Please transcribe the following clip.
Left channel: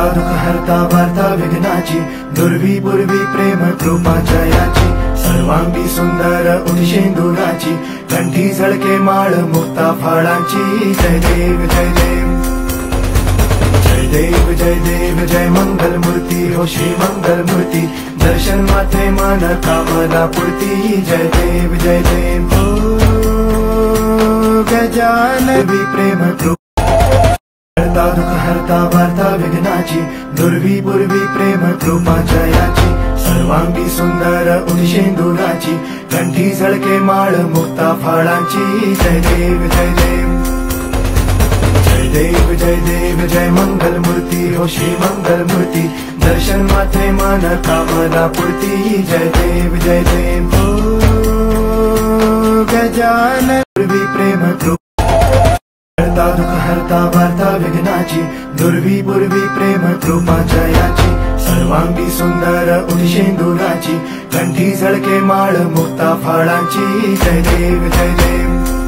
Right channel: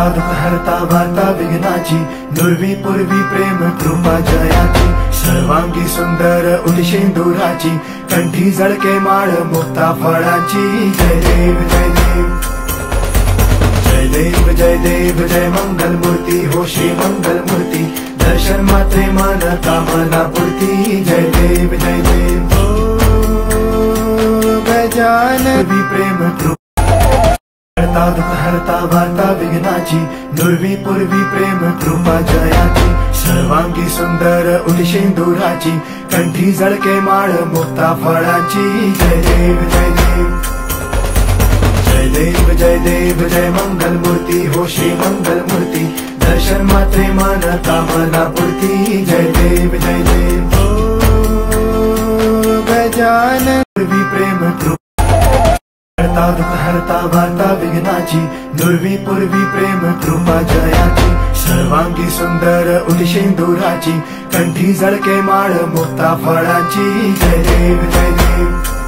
हरता दुःख हरता वार्ता विघ्नाची, दुर्वी पूर्वी प्रेम कृपा जयाची, सर्वांगी सुंदर उदिशेंदुराची, कंठी झळके माळ मुक्ता फळाची। जय देव जय देव जय देव जय देव जय मंगल मूर्ती हो श्री मंगल मूर्ती, दर्शन मात्रे मन कामना पूर्ती। जय देव हो गजानवी प्रेम हरता दुःख हरता वार्ता विघ्नाची, दुर्वी पूर्वी प्रेम कृपा जयाची, सर्वांगी सुंदर उदिशेंदुराची, कंठी झळके माळ मुक्ता फळाची। जय देव जय देव जय देव जय देव जय मंगल मूर्ती हो श्री मंगल मूर्ती, दर्शन मात्रे मन कामना पूर्ती। जय देव हो गजानवी प्रेम हरता दुःख हरता वार्ता विघ्नाची, दुर्वी पूर्वी प्रेम कृपा जयाची, सर्वांगी सुंदर उदिशेंदुराची, कंठी झळके माळ मुक्ता फळाची। जय देव जय देव